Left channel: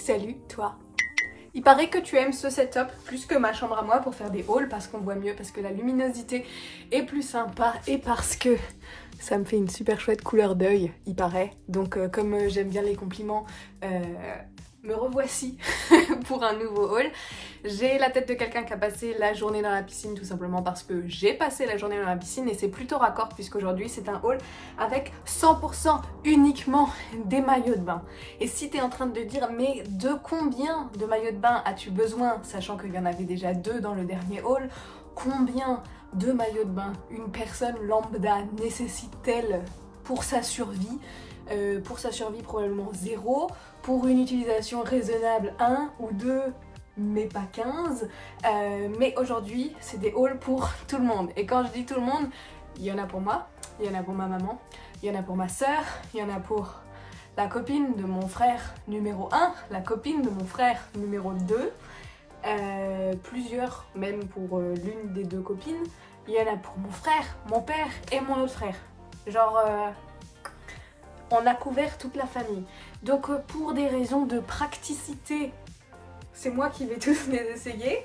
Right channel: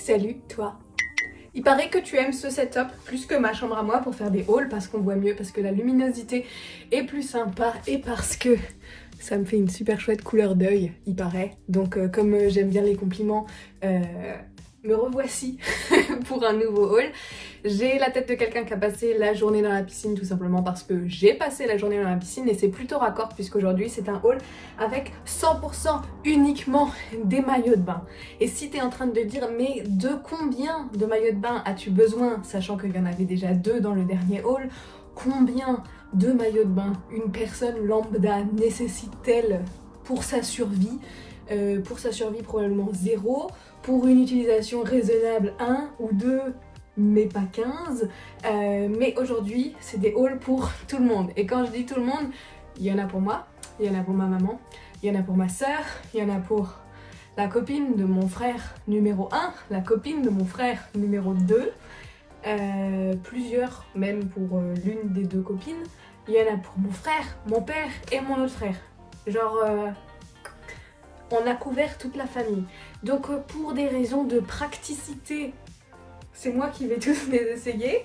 Salut toi. Il paraît que tu aimes ce setup plus que ma chambre à moi pour faire des hauls parce qu'on voit mieux, parce que la luminosité est plus sympa et parce que ça me fait une super chouette couleur d'œil, il paraît. Donc comme j'aime bien les compliments, me revoici pour un nouveau haul. J'ai la tête de quelqu'un qui a passé la journée dans la piscine tout simplement parce que j'ai passé la journée dans la piscine et c'est plutôt raccord puisqu'aujourd'hui c'est un haul avec 100% uniquement des maillots de bain. Et si tu es en train de te dire mais de combien de maillots de bain as-tu besoin, sachant qu'il y en avait déjà 2 dans le dernier haul, combien de maillots de bain une personne lambda nécessite-t-elle pour sa survie? Pour sa survie probablement 0, pour une utilisation raisonnable 1 ou 2, mais pas 15. Mais aujourd'hui c'est des hauls pour tout le monde. Et quand je dis tout le monde, il y en a pour moi, il y en a pour ma maman, il y en a pour ma soeur, il y en a pour la copine de mon frère numéro 1, la copine de mon frère numéro 2, plusieurs même pour l'une des 2 copines. Il y en a pour mon frère, mon père et mon autre frère. Genre on a couvert toute la famille. Donc pour des raisons de praticité, c'est moi qui vais tous les essayer,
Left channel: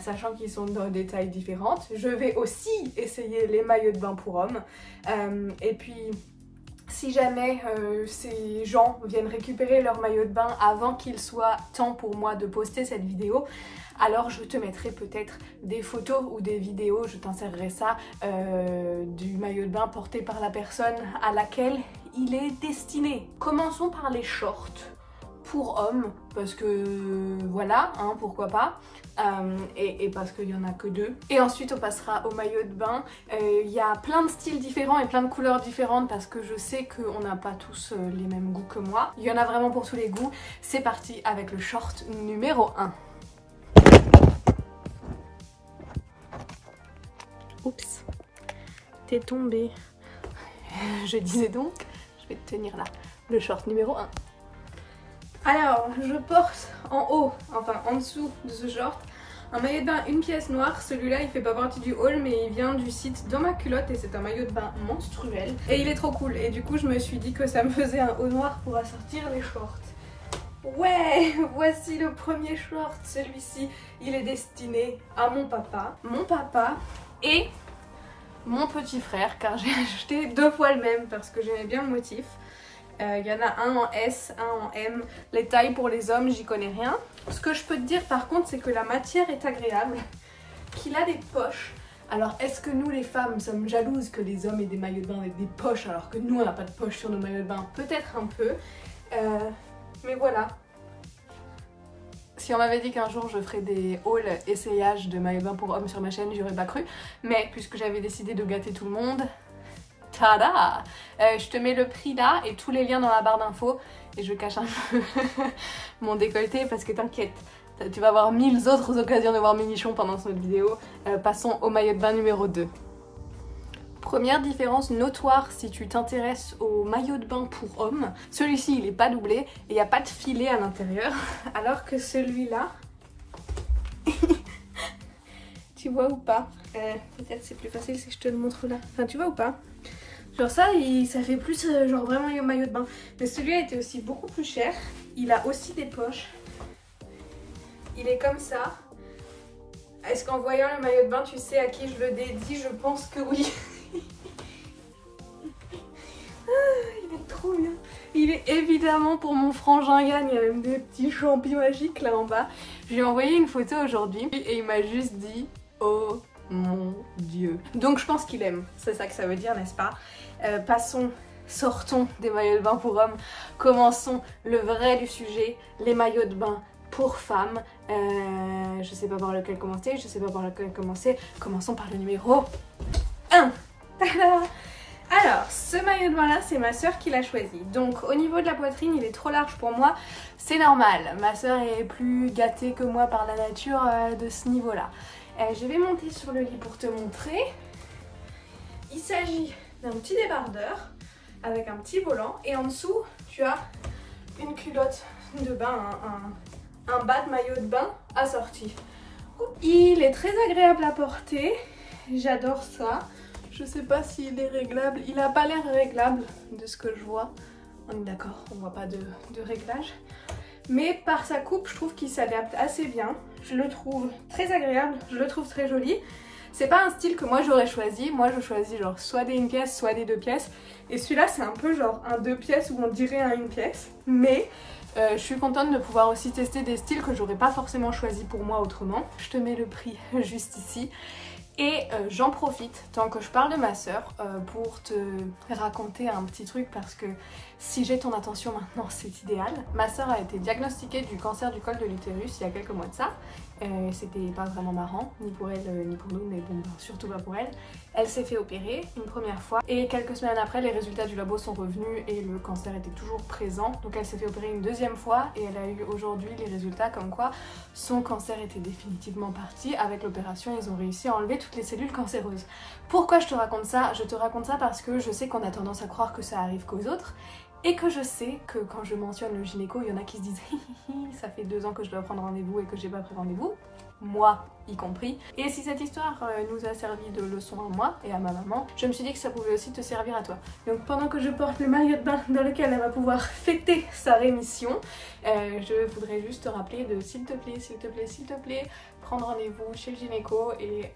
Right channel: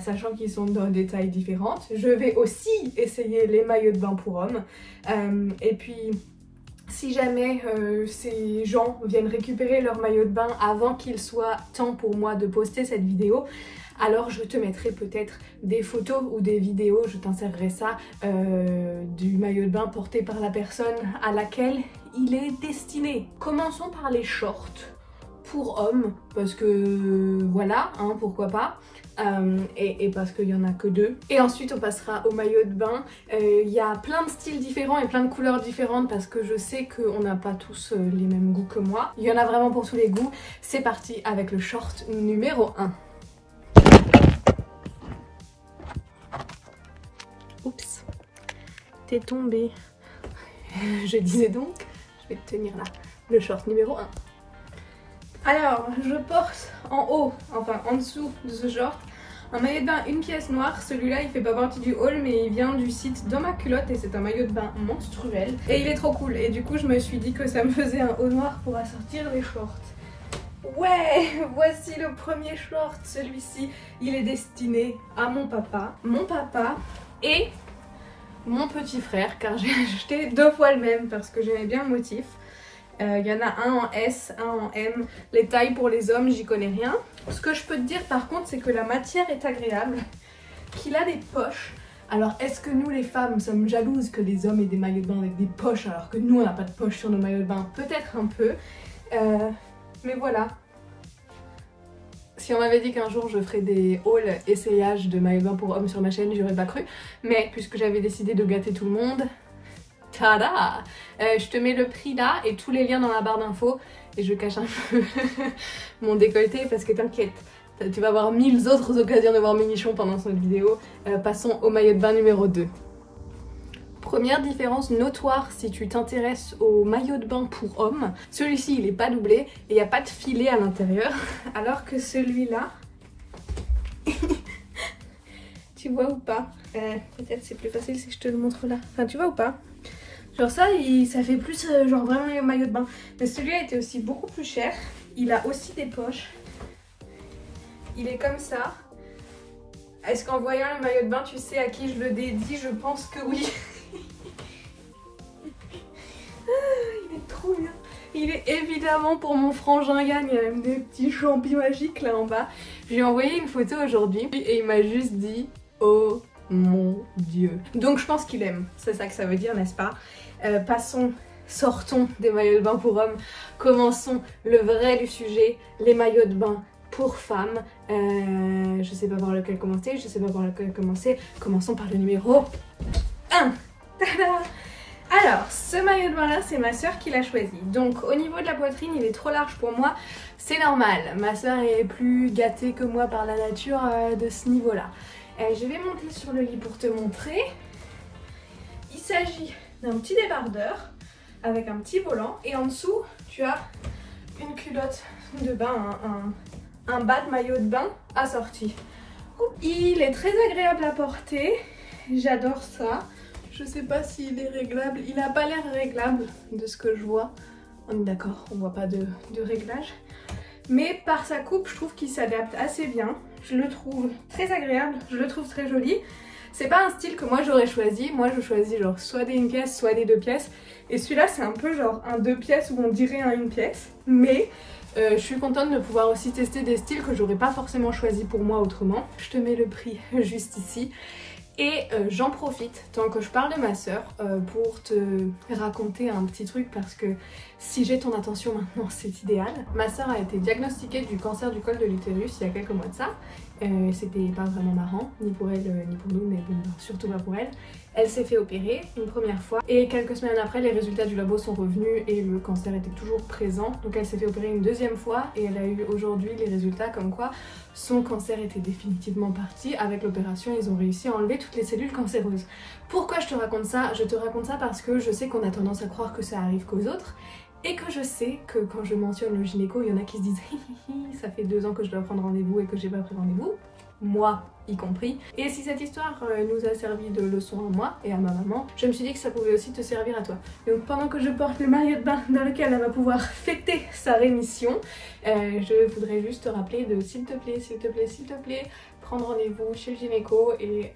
sachant qu'ils sont dans des tailles différentes. Je vais aussi essayer les maillots de bain pour hommes. Et puis si jamais ces gens viennent récupérer leur maillot de bain avant qu'il soit temps pour moi de poster cette vidéo, alors je te mettrai peut-être des photos ou des vidéos, je t'insérerai ça, du maillot de bain porté par la personne à laquelle il est destiné. Commençons par les shorts pour hommes, parce que voilà, hein, pourquoi pas. Et parce qu'il n'y en a que 2. Et ensuite on passera au maillot de bain. Il y a plein de styles différents et plein de couleurs différentes parce que je sais qu'on n'a pas tous les mêmes goûts que moi. Il y en a vraiment pour tous les goûts. C'est parti avec le short numéro 1. Oups, t'es tombé. Je disais donc, je vais te tenir là, le short numéro 1. Alors, je porte en haut, enfin en dessous de ce short, un maillot de bain une pièce noire. Celui-là il fait pas partie du haul mais il vient du site Dans ma culotte et c'est un maillot de bain menstruel. Et il est trop cool et du coup je me suis dit que ça me faisait un haut noir pour assortir les shorts. Ouais, voici le premier short. Celui-ci il est destiné à mon papa et mon petit frère car j'ai acheté 2 fois le même parce que j'aimais bien le motif. Il y en a un en S, un en M. Les tailles pour les hommes, j'y connais rien. Ce que je peux te dire par contre, c'est que la matière est agréable, qu'il a des poches. Alors est-ce que nous les femmes sommes jalouses que les hommes aient des maillots de bain avec des poches alors que nous on n'a pas de poches sur nos maillots de bain? Peut-être un peu. Mais voilà. Si on m'avait dit qu'un jour je ferais des hauls essayages de maillots de bain pour hommes sur ma chaîne, j'aurais pas cru. Mais puisque j'avais décidé de gâter tout le monde, tada! Je te mets le prix là et tous les liens dans la barre d'infos. Et je cache un peu mon décolleté parce que t'inquiète, tu vas avoir 1000 autres occasions de voir mes nichons pendant cette vidéo. Passons au maillot de bain numéro 2. Première différence notoire si tu t'intéresses au maillot de bain pour hommes. Celui-ci il est pas doublé et il n'y a pas de filet à l'intérieur. Alors que celui-là... tu vois ou pas? Peut-être c'est plus facile si je te le montre là. Enfin tu vois ou pas? Genre ça, ça fait plus genre vraiment le maillot de bain. Mais celui-là était aussi beaucoup plus cher. Il a aussi des poches. Il est comme ça. Est-ce qu'en voyant le maillot de bain, tu sais à qui je le dédie? Je pense que oui. Il est trop bien. Il est évidemment pour mon frangin Yann. Il y a même des petits champignons magiques là en bas. Je lui ai envoyé une photo aujourd'hui et il m'a juste dit « Oh mon Dieu ». Donc je pense qu'il aime. C'est ça que ça veut dire, n'est-ce pas? Sortons des maillots de bain pour hommes. Commençons le vrai du sujet, les maillots de bain pour femmes. Je sais pas par lequel commencer, Commençons par le numéro 1. Tada! Alors, ce maillot de bain là, c'est ma soeur qui l'a choisi. Donc au niveau de la poitrine, il est trop large pour moi. C'est normal, ma soeur est plus gâtée que moi par la nature de ce niveau là. Je vais monter sur le lit pour te montrer. Il s'agit d'un petit débardeur avec un petit volant et en dessous tu as une culotte de bain, un bas de maillot de bain assorti. Il est très agréable à porter, j'adore ça. Je sais pas s'il est réglable, il a pas l'air réglable de ce que je vois. On est d'accord, on voit pas de réglage. mais par sa coupe je trouve qu'il s'adapte assez bien. Je le trouve très agréable, je le trouve très joli. C'est pas un style que moi j'aurais choisi, moi je choisis genre soit des 1 pièce soit des 2 pièces. Et celui-là c'est un peu genre un 2 pièces où on dirait un 1 pièce. Mais je suis contente de pouvoir aussi tester des styles que j'aurais pas forcément choisi pour moi autrement. Je te mets le prix juste ici. Et j'en profite, tant que je parle de ma soeur, pour te raconter un petit truc parce que si j'ai ton attention maintenant, c'est idéal. Ma soeur a été diagnostiquée du cancer du col de l'utérus il y a quelques mois de ça. C'était pas vraiment marrant, ni pour elle ni pour nous, mais bon, surtout pas pour elle. Elle s'est fait opérer une première fois et quelques semaines après, les résultats du labo sont revenus et le cancer était toujours présent. Donc elle s'est fait opérer une deuxième fois et elle a eu aujourd'hui les résultats comme quoi son cancer était définitivement parti. Avec l'opération, ils ont réussi à enlever toutes les cellules cancéreuses. Pourquoi je te raconte ça? Je te raconte ça parce que je sais qu'on a tendance à croire que ça arrive qu'aux autres. Et que je sais que quand je mentionne le gynéco, il y en a qui se disent ça fait 2 ans que je dois prendre rendez-vous et que j'ai pas pris rendez-vous, moi y compris. Et si cette histoire nous a servi de leçon à moi et à ma maman, je me suis dit que ça pouvait aussi te servir à toi. Donc pendant que je porte le maillot de bain dans lequel elle va pouvoir fêter sa rémission, je voudrais juste te rappeler de s'il te plaît, s'il te plaît, s'il te plaît, prendre rendez-vous chez le gynéco et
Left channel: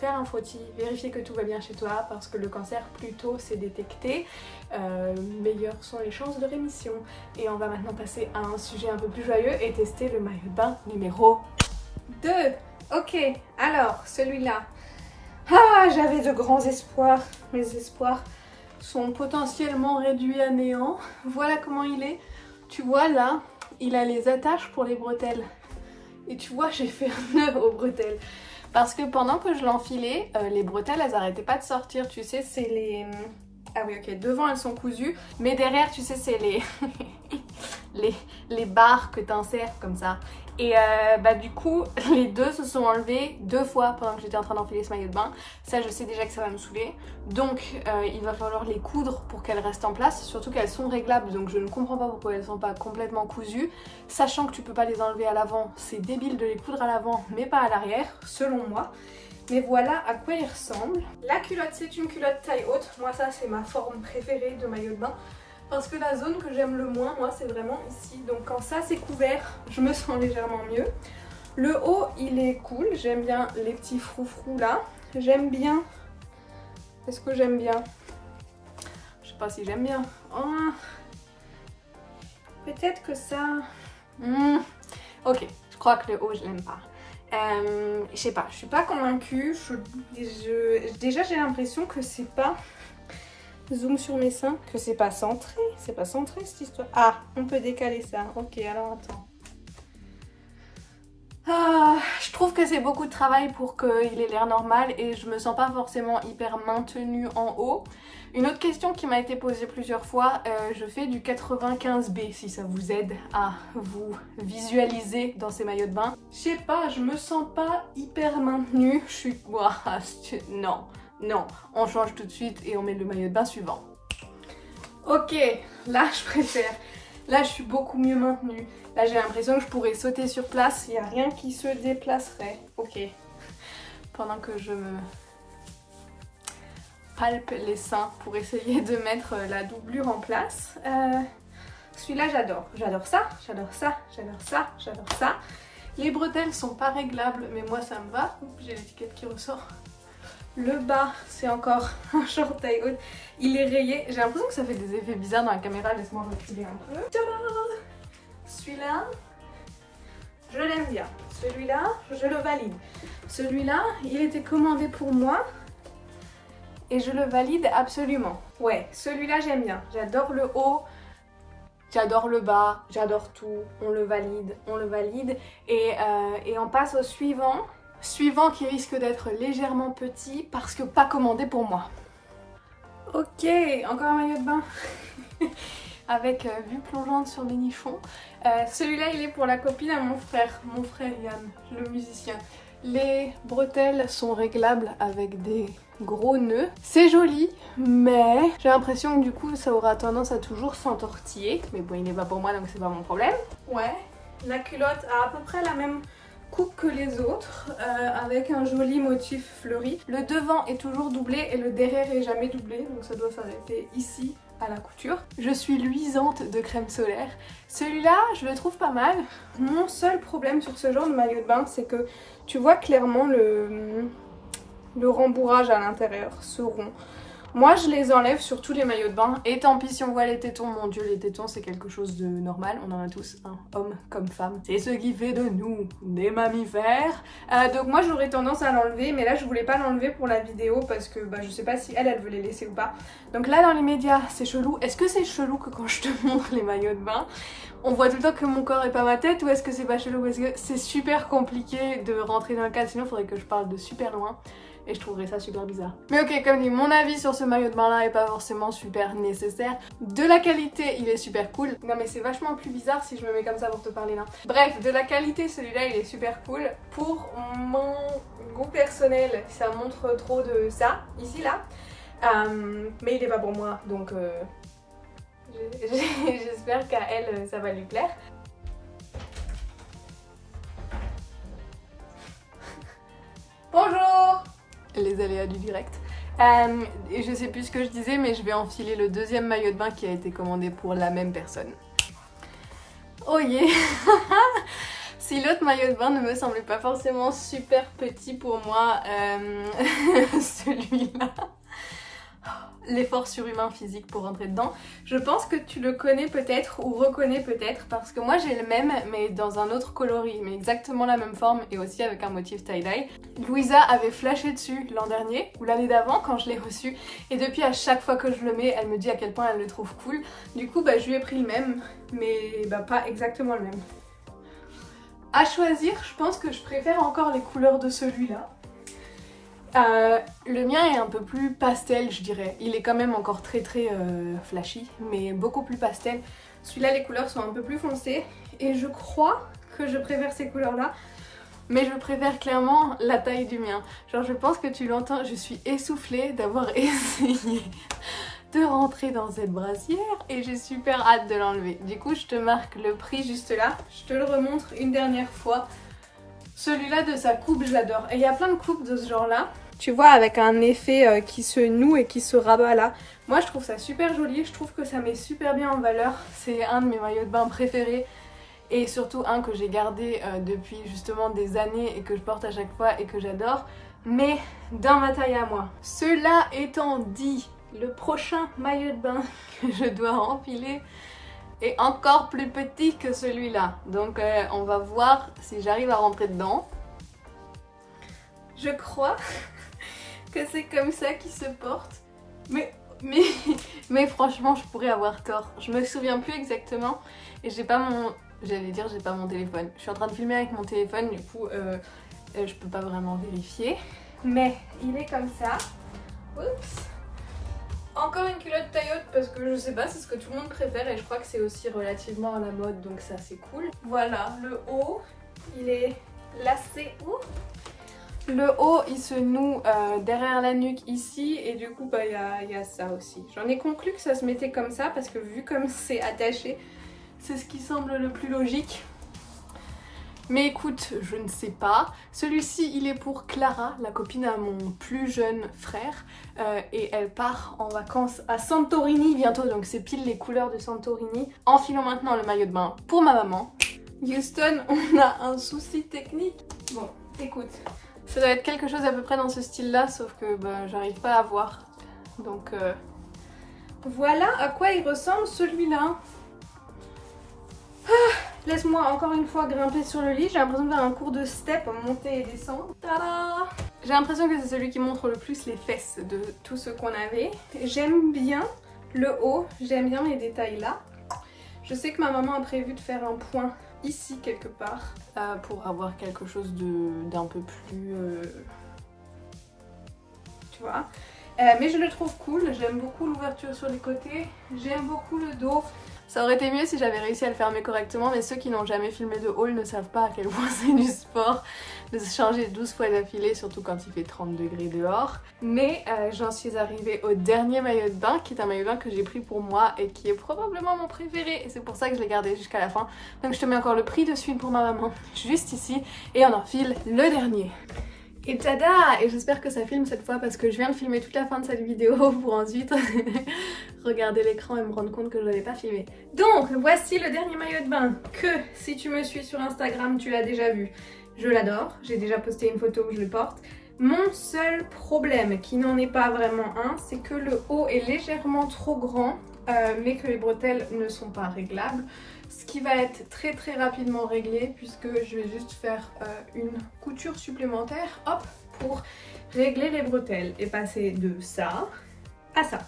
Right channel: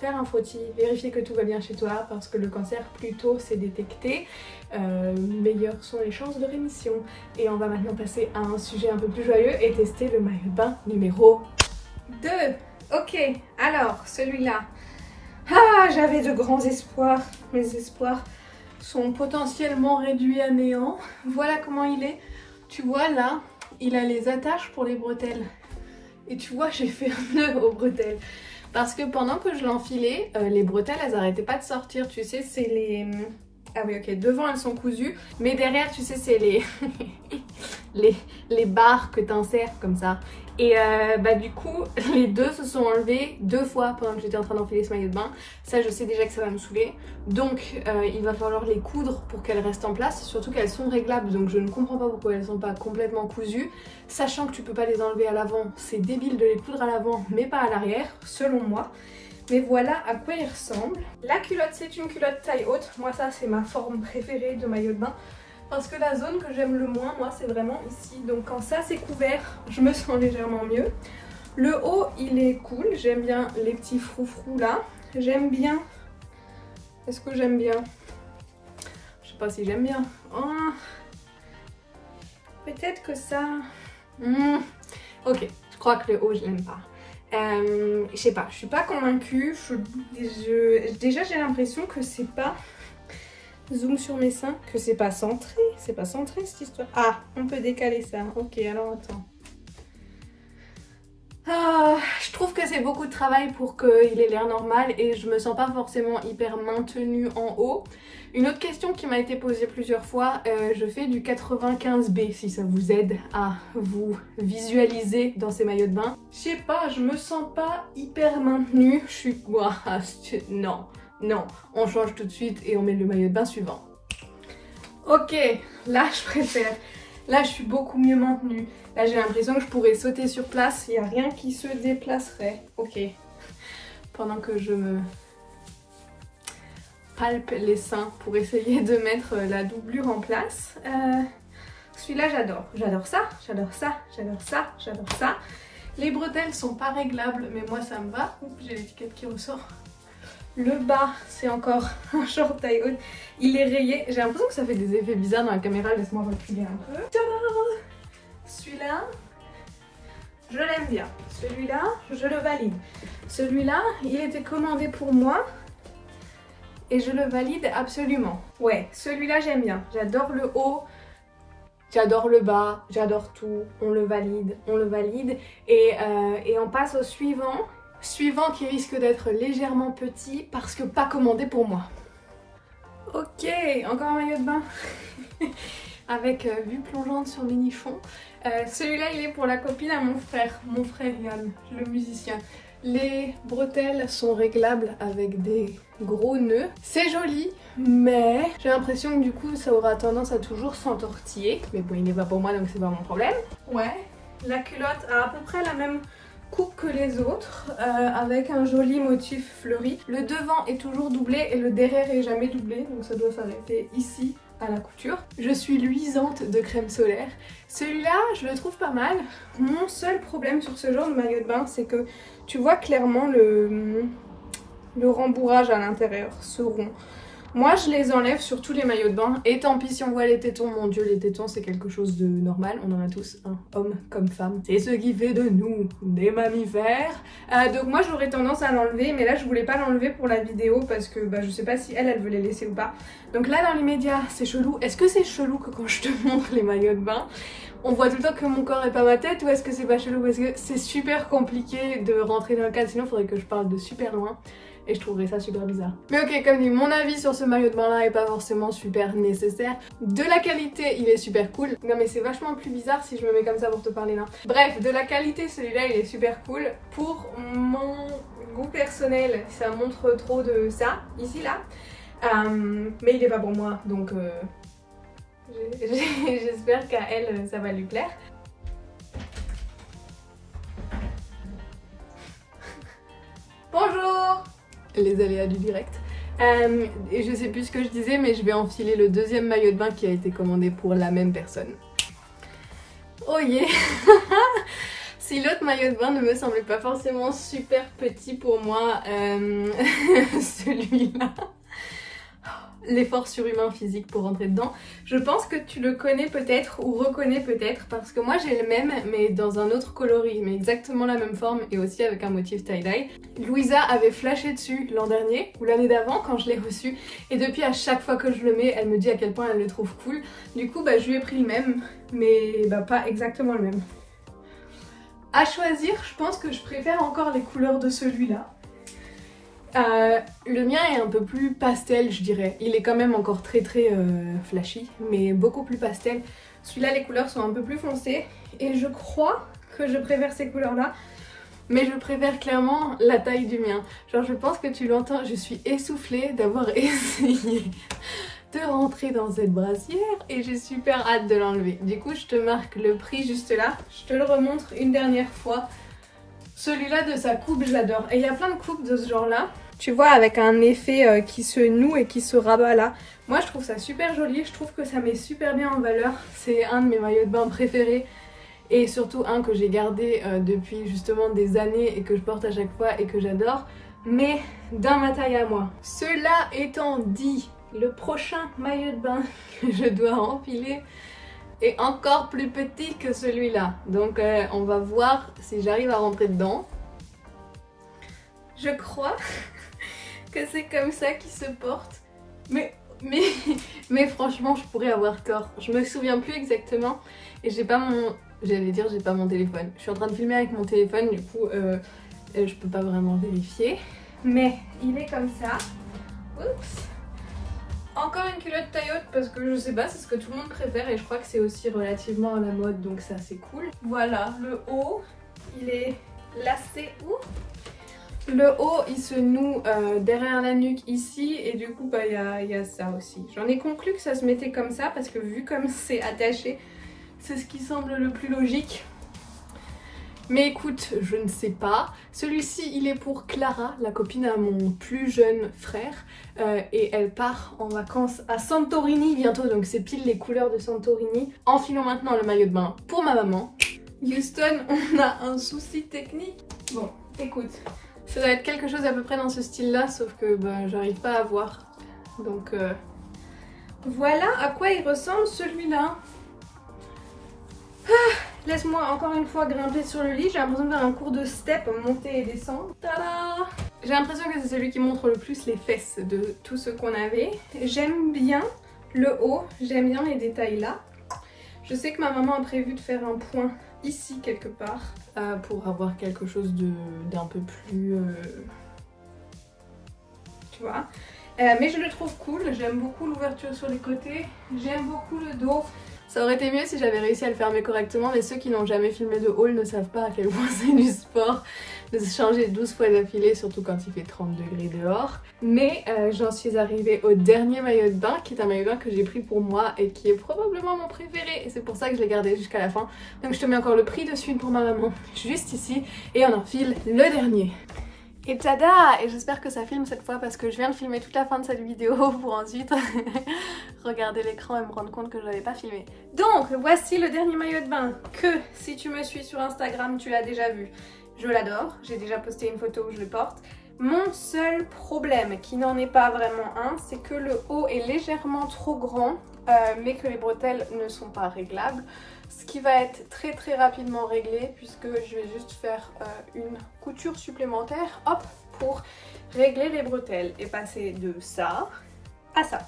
faire un frottis, vérifier que tout va bien chez toi parce que le cancer, plus tôt c'est détecté, meilleures sont les chances de rémission. Et on va maintenant passer à un sujet un peu plus joyeux et tester le maillot de bain numéro 2. Ok, alors celui-là, j'avais de grands espoirs, mes espoirs sont potentiellement réduits à néant. Voilà comment il est, tu vois là, il a les attaches pour les bretelles. Et tu vois, j'ai fait un nœud aux bretelles. Parce que pendant que je l'enfilais, les bretelles, elles arrêtaient pas de sortir. Tu sais, c'est les... Ah oui, ok, devant, elles sont cousues. Mais derrière, tu sais, c'est les... les barres que t'insères comme ça. Et du coup, les deux se sont enlevés 2 fois pendant que j'étais en train d'enfiler ce maillot de bain. Ça, je sais déjà que ça va me saouler. Donc, il va falloir les coudre pour qu'elles restent en place. Surtout qu'elles sont réglables, donc je ne comprends pas pourquoi elles ne sont pas complètement cousues. Sachant que tu peux pas les enlever à l'avant, c'est débile de les coudre à l'avant, mais pas à l'arrière, selon moi. Mais voilà à quoi il ressemble. La culotte, c'est une culotte taille haute. Moi, ça, c'est ma forme préférée de maillot de bain. Parce que la zone que j'aime le moins, moi, c'est vraiment ici. Donc quand ça c'est couvert, je me sens légèrement mieux. Le haut, il est cool. J'aime bien les petits froufrous là. J'aime bien... Est-ce que j'aime bien? Je sais pas si j'aime bien. Oh. Peut-être que ça... Ok, je crois que le haut, je l'aime pas. Je sais pas, je suis pas convaincue. Déjà, j'ai l'impression que c'est pas... Zoom sur mes seins, que c'est pas centré cette histoire. Ah, on peut décaler ça. Ok, alors attends. Je trouve que c'est beaucoup de travail pour qu'il ait l'air normal et je me sens pas forcément hyper maintenue en haut. Une autre question qui m'a été posée plusieurs fois, je fais du 95B si ça vous aide à vous visualiser dans ces maillots de bain. Je sais pas, je me sens pas hyper maintenue. Je suis... Non. Non, on change tout de suite et on met le maillot de bain suivant. Ok, là je préfère. Là je suis beaucoup mieux maintenue. Là j'ai l'impression que je pourrais sauter sur place, il n'y a rien qui se déplacerait. Ok, pendant que je me palpe les seins pour essayer de mettre la doublure en place. Celui-là j'adore. J'adore ça, j'adore ça, j'adore ça, j'adore ça. Les bretelles sont pas réglables mais moi ça me va. Oups, j'ai l'étiquette qui ressort. Le bas, c'est encore un short taille haute. Il est rayé. J'ai l'impression que ça fait des effets bizarres dans la caméra. Laisse-moi reculer un peu. Celui-là, je l'aime bien. Celui-là, je le valide. Celui-là, il était commandé pour moi. Et je le valide absolument. Ouais, celui-là, j'aime bien. J'adore le haut. J'adore le bas. J'adore tout. On le valide. On le valide. Et on passe au suivant. Suivant qui risque d'être légèrement petit parce que pas commandé pour moi. Ok, encore un maillot de bain avec vue plongeante sur le nichon. Celui-là il est pour la copine à mon frère Yann, le musicien. Les bretelles sont réglables avec des gros nœuds. C'est joli, mais j'ai l'impression que du coup ça aura tendance à toujours s'entortiller. Mais bon, il n'est pas pour moi donc c'est pas mon problème. Ouais, la culotte a à peu près la même coupe que les autres, avec un joli motif fleuri. Le devant est toujours doublé et le derrière est jamais doublé, donc ça doit s'arrêter ici à la couture. Je suis luisante de crème solaire. Celui-là, je le trouve pas mal. Mon seul problème sur ce genre de maillot de bain, c'est que tu vois clairement le rembourrage à l'intérieur, ce rond. Moi, je les enlève sur tous les maillots de bain. Et tant pis si on voit les tétons, mon dieu, les tétons, c'est quelque chose de normal. On en a tous, hein, hommes comme femmes. C'est ce qui fait de nous des mammifères. Donc moi, j'aurais tendance à l'enlever. Mais là, je voulais pas l'enlever pour la vidéo parce que je sais pas si elle veut les laisser ou pas. Donc là, dans les médias, c'est chelou. Est-ce que c'est chelou que quand je te montre les maillots de bain, on voit tout le temps que mon corps et pas ma tête, ou est-ce que c'est pas chelou parce que c'est super compliqué de rentrer dans le cadre, sinon il faudrait que je parle de super loin et je trouverais ça super bizarre. Mais ok, comme dit, mon avis sur ce maillot de bain là est pas forcément super nécessaire. De la qualité, il est super cool. Non mais c'est vachement plus bizarre si je me mets comme ça pour te parler là. Bref, de la qualité, celui-là il est super cool. Pour mon goût personnel, ça montre trop de ça, ici là. Mais il est pas pour moi, donc j'espère qu'à elle ça va lui plaire. Bonjour! Les aléas du direct. Et je sais plus ce que je disais, mais je vais enfiler le deuxième maillot de bain qui a été commandé pour la même personne. Oh yeah! Si l'autre maillot de bain ne me semblait pas forcément super petit pour moi, celui-là, l'effort surhumain physique pour rentrer dedans. Je pense que tu le connais peut-être ou reconnais peut-être parce que moi j'ai le même mais dans un autre coloris, mais exactement la même forme et aussi avec un motif tie-dye. Louisa avait flashé dessus l'an dernier ou l'année d'avant quand je l'ai reçu et depuis à chaque fois que je le mets elle me dit à quel point elle le trouve cool. Du coup je lui ai pris le même mais pas exactement le même. À choisir, je pense que je préfère encore les couleurs de celui-là. Le mien est un peu plus pastel je dirais, il est quand même encore très flashy mais beaucoup plus pastel. Celui-là les couleurs sont un peu plus foncées et je crois que je préfère ces couleurs là, mais je préfère clairement la taille du mien. Genre je pense que tu l'entends, je suis essoufflée d'avoir essayé de rentrer dans cette brassière et j'ai super hâte de l'enlever. Du coup je te marque le prix juste là, je te le remontre une dernière fois. Celui-là de sa coupe j'adore et il y a plein de coupes de ce genre là, tu vois, avec un effet qui se noue et qui se rabat là. Moi je trouve ça super joli, je trouve que ça met super bien en valeur. C'est un de mes maillots de bain préférés et surtout un que j'ai gardé depuis justement des années et que je porte à chaque fois et que j'adore, mais dans ma taille à moi. Cela étant dit, le prochain maillot de bain que je dois empiler est encore plus petit que celui-là. Donc on va voir si j'arrive à rentrer dedans. Je crois que c'est comme ça qu'il se porte. Mais franchement je pourrais avoir tort. Je me souviens plus exactement et j'ai pas mon... J'allais dire j'ai pas mon téléphone. Je suis en train de filmer avec mon téléphone, du coup je peux pas vraiment vérifier. Mais il est comme ça. Oups. Encore une culotte taille haute parce que je sais pas, c'est ce que tout le monde préfère et je crois que c'est aussi relativement à la mode, donc ça c'est cool. Voilà, le haut, il est lacé. Le haut il se noue derrière la nuque ici et du coup il y a ça aussi. J'en ai conclu que ça se mettait comme ça parce que vu comme c'est attaché, c'est ce qui semble le plus logique. Mais écoute, je ne sais pas. Celui-ci, il est pour Clara, la copine à mon plus jeune frère. Et elle part en vacances à Santorini bientôt. Donc c'est pile les couleurs de Santorini. Enfilons maintenant le maillot de bain pour ma maman. Houston, on a un souci technique. Bon, écoute, ça doit être quelque chose à peu près dans ce style-là, sauf que j'arrive pas à voir. Donc voilà à quoi il ressemble celui-là. Laisse-moi encore une fois grimper sur le lit. J'ai l'impression de faire un cours de step, monter et descendre. Tada! J'ai l'impression que c'est celui qui montre le plus les fesses de tout ce qu'on avait. J'aime bien le haut, j'aime bien les détails là. Je sais que ma maman a prévu de faire un point ici quelque part pour avoir quelque chose d'un peu plus... tu vois. Mais je le trouve cool, j'aime beaucoup l'ouverture sur les côtés, j'aime beaucoup le dos. Ça aurait été mieux si j'avais réussi à le fermer correctement, mais ceux qui n'ont jamais filmé de haul ne savent pas à quel point c'est du sport de se changer 12 fois d'affilée, surtout quand il fait 30 degrés dehors. Mais j'en suis arrivée au dernier maillot de bain, qui est un maillot de bain que j'ai pris pour moi et qui est probablement mon préféré. Et c'est pour ça que je l'ai gardé jusqu'à la fin. Donc je te mets encore le prix dessus pour ma maman, juste ici, et on enfile le dernier. Et tada! Et j'espère que ça filme cette fois parce que je viens de filmer toute la fin de cette vidéo pour ensuite regarder l'écran et me rendre compte que je n'avais pas filmé. Donc voici le dernier maillot de bain que si tu me suis sur Instagram tu l'as déjà vu. Je l'adore, j'ai déjà posté une photo où je le porte. Mon seul problème, qui n'en est pas vraiment un, c'est que le haut est légèrement trop grand mais que les bretelles ne sont pas réglables. Ce qui va être très rapidement réglé puisque je vais juste faire une couture supplémentaire, hop, pour régler les bretelles et passer de ça à ça.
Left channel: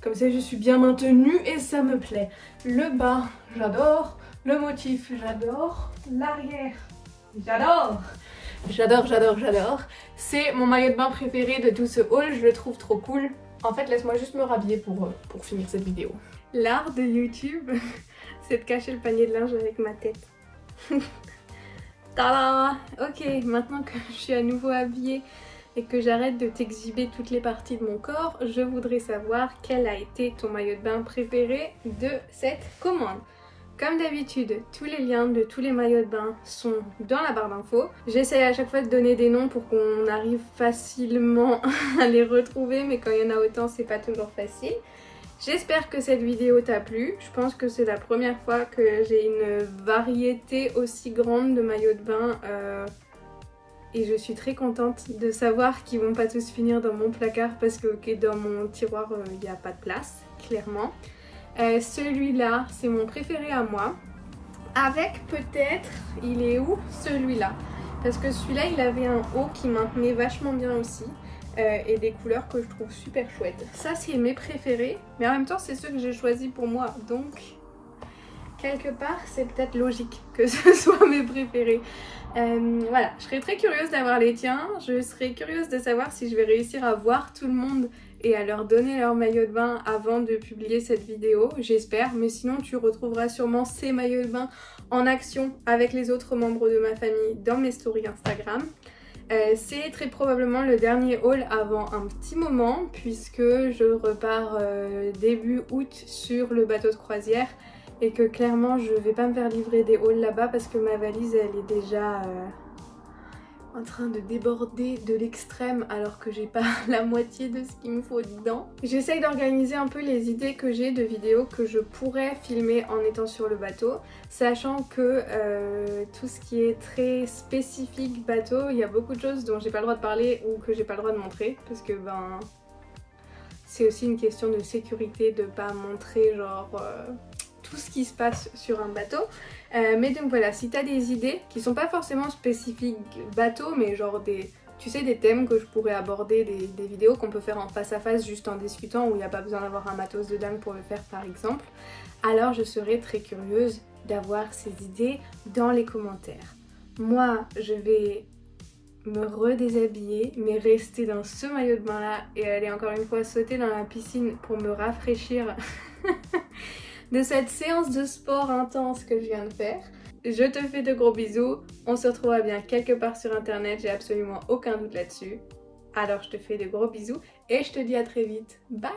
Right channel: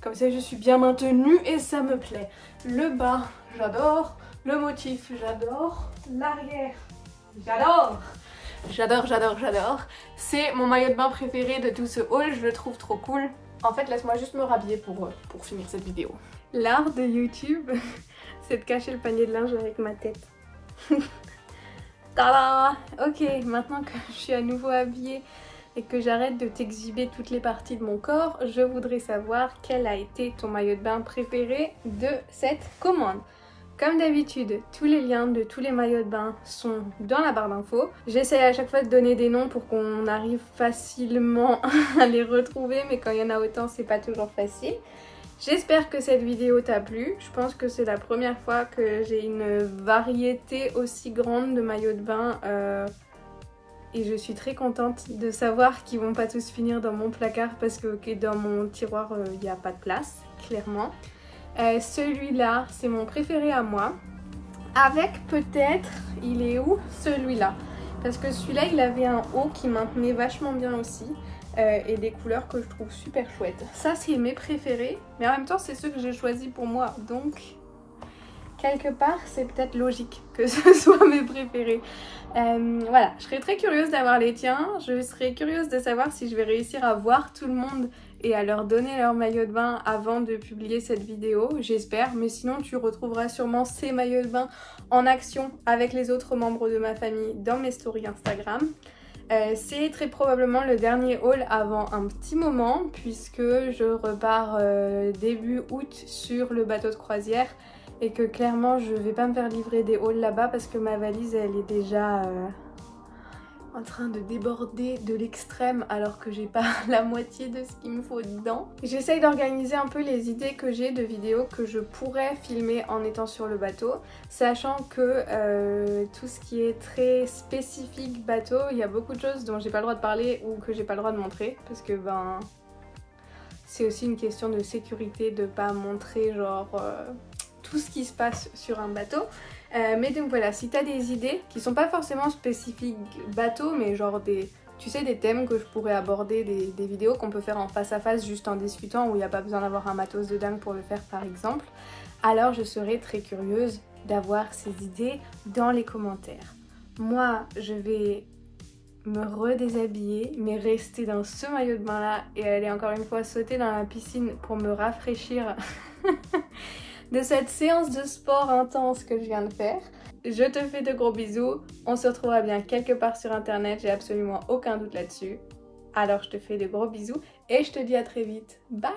Comme ça je suis bien maintenue et ça me plaît. Le bas, j'adore. Le motif, j'adore. L'arrière, j'adore. J'adore. C'est mon maillot de bain préféré de tout ce haul, je le trouve trop cool. En fait, laisse-moi juste me rhabiller pour finir cette vidéo. L'art de YouTube, c'est de cacher le panier de linge avec ma tête. Tada! Ok, maintenant que je suis à nouveau habillée et que j'arrête de t'exhiber toutes les parties de mon corps, je voudrais savoir quel a été ton maillot de bain préféré de cette commande. Comme d'habitude, tous les liens de tous les maillots de bain sont dans la barre d'infos. J'essaie à chaque fois de donner des noms pour qu'on arrive facilement à les retrouver, mais quand il y en a autant, c'est pas toujours facile. J'espère que cette vidéo t'a plu. Je pense que c'est la première fois que j'ai une variété aussi grande de maillots de bain et je suis très contente de savoir qu'ils vont pas tous finir dans mon placard parce que dans mon tiroir il n'y a pas de place, clairement. Celui-là, c'est mon préféré à moi. Avec peut-être, il est où celui-là? Parce que celui-là, il avait un haut qui maintenait vachement bien aussi. Et des couleurs que je trouve super chouettes. Ça, c'est mes préférés. Mais en même temps, c'est ceux que j'ai choisis pour moi. Donc, quelque part, c'est peut-être logique que ce soit mes préférés. Voilà, je serais très curieuse d'avoir les tiens. Je serais curieuse de savoir si je vais réussir à voir tout le monde et à leur donner leur maillot de bain avant de publier cette vidéo, j'espère. Mais sinon, tu retrouveras sûrement ces maillots de bain en action avec les autres membres de ma famille dans mes stories Instagram. C'est très probablement le dernier haul avant un petit moment puisque je repars début août sur le bateau de croisière et que clairement je vais pas me faire livrer des hauls là-bas parce que ma valise elle est déjà en train de déborder de l'extrême alors que j'ai pas la moitié de ce qu'il me faut dedans. J'essaye d'organiser un peu les idées que j'ai de vidéos que je pourrais filmer en étant sur le bateau, sachant que tout ce qui est très spécifique bateau, il y a beaucoup de choses dont j'ai pas le droit de parler ou que j'ai pas le droit de montrer parce que ben c'est aussi une question de sécurité de pas montrer genre tout ce qui se passe sur un bateau. Mais donc voilà, si t'as des idées qui sont pas forcément spécifiques bateau, mais genre des thèmes que je pourrais aborder, des vidéos qu'on peut faire en face à face juste en discutant où il n'y a pas besoin d'avoir un matos de dingue pour le faire par exemple, alors je serais très curieuse d'avoir ces idées dans les commentaires. Moi, je vais me redéshabiller, mais rester dans ce maillot de bain là et aller encore une fois sauter dans la piscine pour me rafraîchir de cette séance de sport intense que je viens de faire. Je te fais de gros bisous, on se retrouvera bien quelque part sur internet, j'ai absolument aucun doute là-dessus. Alors je te fais de gros bisous et je te dis à très vite, bye!